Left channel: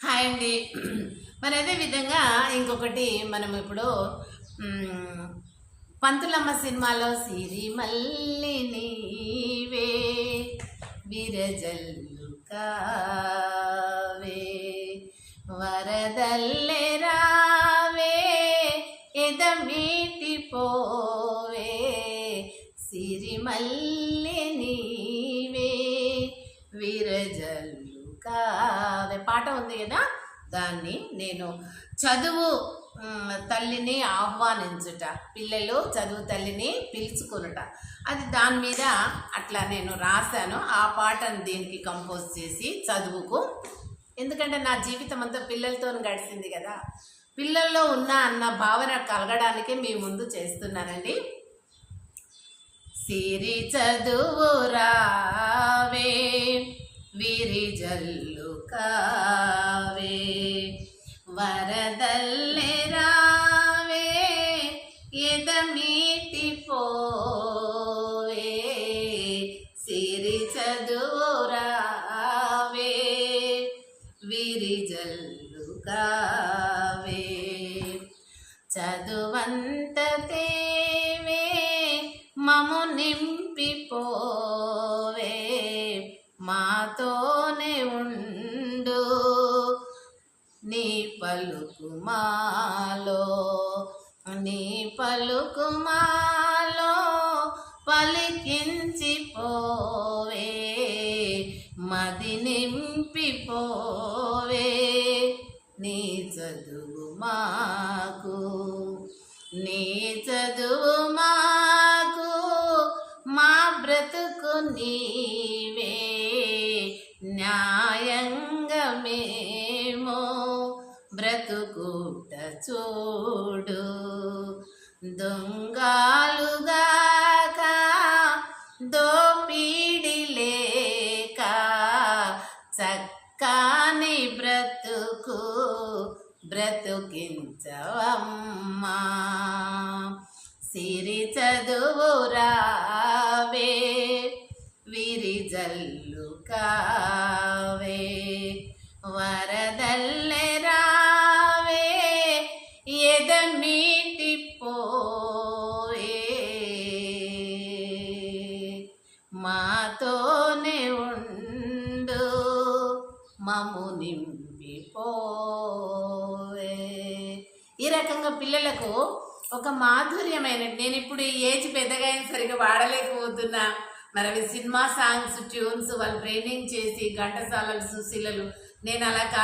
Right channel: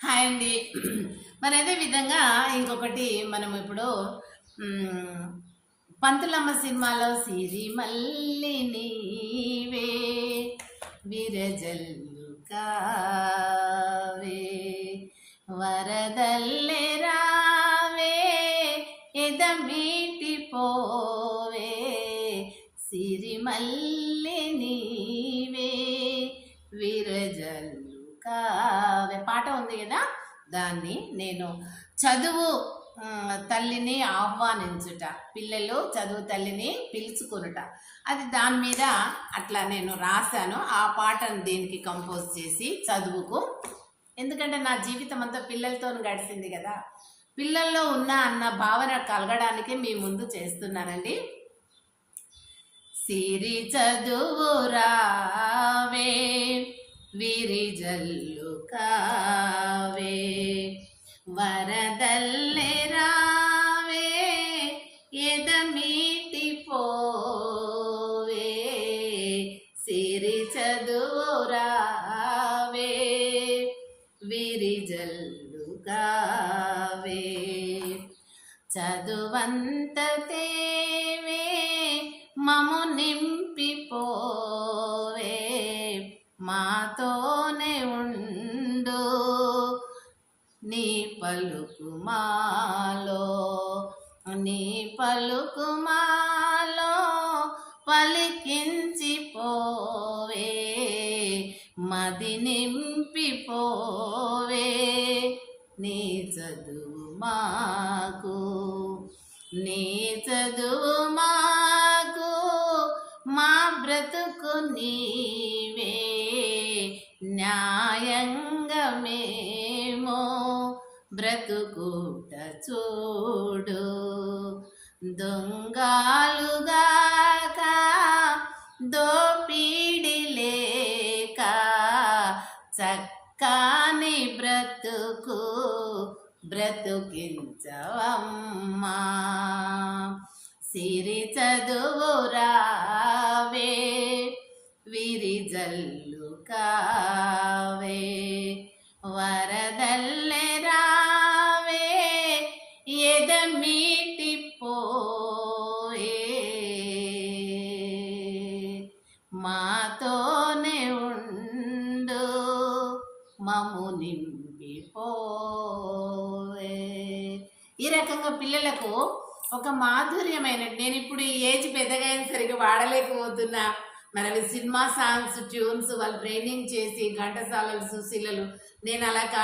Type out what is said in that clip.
Hi అండి. మరి అదే విధంగా ఇంకొకటి మనం ఇప్పుడు పంతులమ్మ సినిమాలో సిరిమల్లి నీవే విరజల్లు కావే వరదల్లె రావే ఎదమీటి పోవే సిరిమల్లి నీవే విరజల్లు కావే పాట ఉంది కదా. దాన్ని నేను చదువు తల్లిని ఆహ్వానించుట, పిల్లలు చదువు తల్లిని పిలుచుకునుట, అది దాని మీద అట్లా నేను రాశాను. ఆ పాటను దీనికి కంపోజ్ చేసి చదువుకు, ఎందుకంటే నా జీవితం అంతా పిల్లలతో గడిచింది కదా, పిల్లల్లో ఉన్న అన్న భావన కలగడానికి మీ ముందు చేస్తున్నానండి. సిరి చదువు రావే విరిజల్లు కావే వరదల్లె రావే ఎదమీటి పోవే సిరి చదువు రావే విరిజల్లు కావే చదువంత తేవే మము నింపిపోవే మాతోనే ఉండు నీ పలుకుమాలో పలికించిపోవే మది నింపిపోవే నీ చదువు మాకు నీ చదువు మాకు మా బ్రతుకు నీవే న్యాయంగా మేము బ్రతుకుట చూడు దొంగాలుగాక దోపిడి లేక చక్కని బ్రతుకు బ్రతుకించవమ్మా సిరి చదువు రావే విరిజల్లు కావే వరదల్లె రావే ఎదమీటి పోవే మాతోనే ఉండు మము నింపిపోవే. ఈ రకంగా పిల్లలకు ఒక మాధుర్యమైన, నేను ఇప్పుడు ఈ ఏజ్ పెద్దగా అయిన సరిగా వాడలేకపోతున్నా, మరి అవి సినిమా సాంగ్స్ ట్యూన్స్ వాళ్ళు ట్రైనింగ్ చేసి ఘంటసాలలు సుశీలలు, నేను అలా కాదు.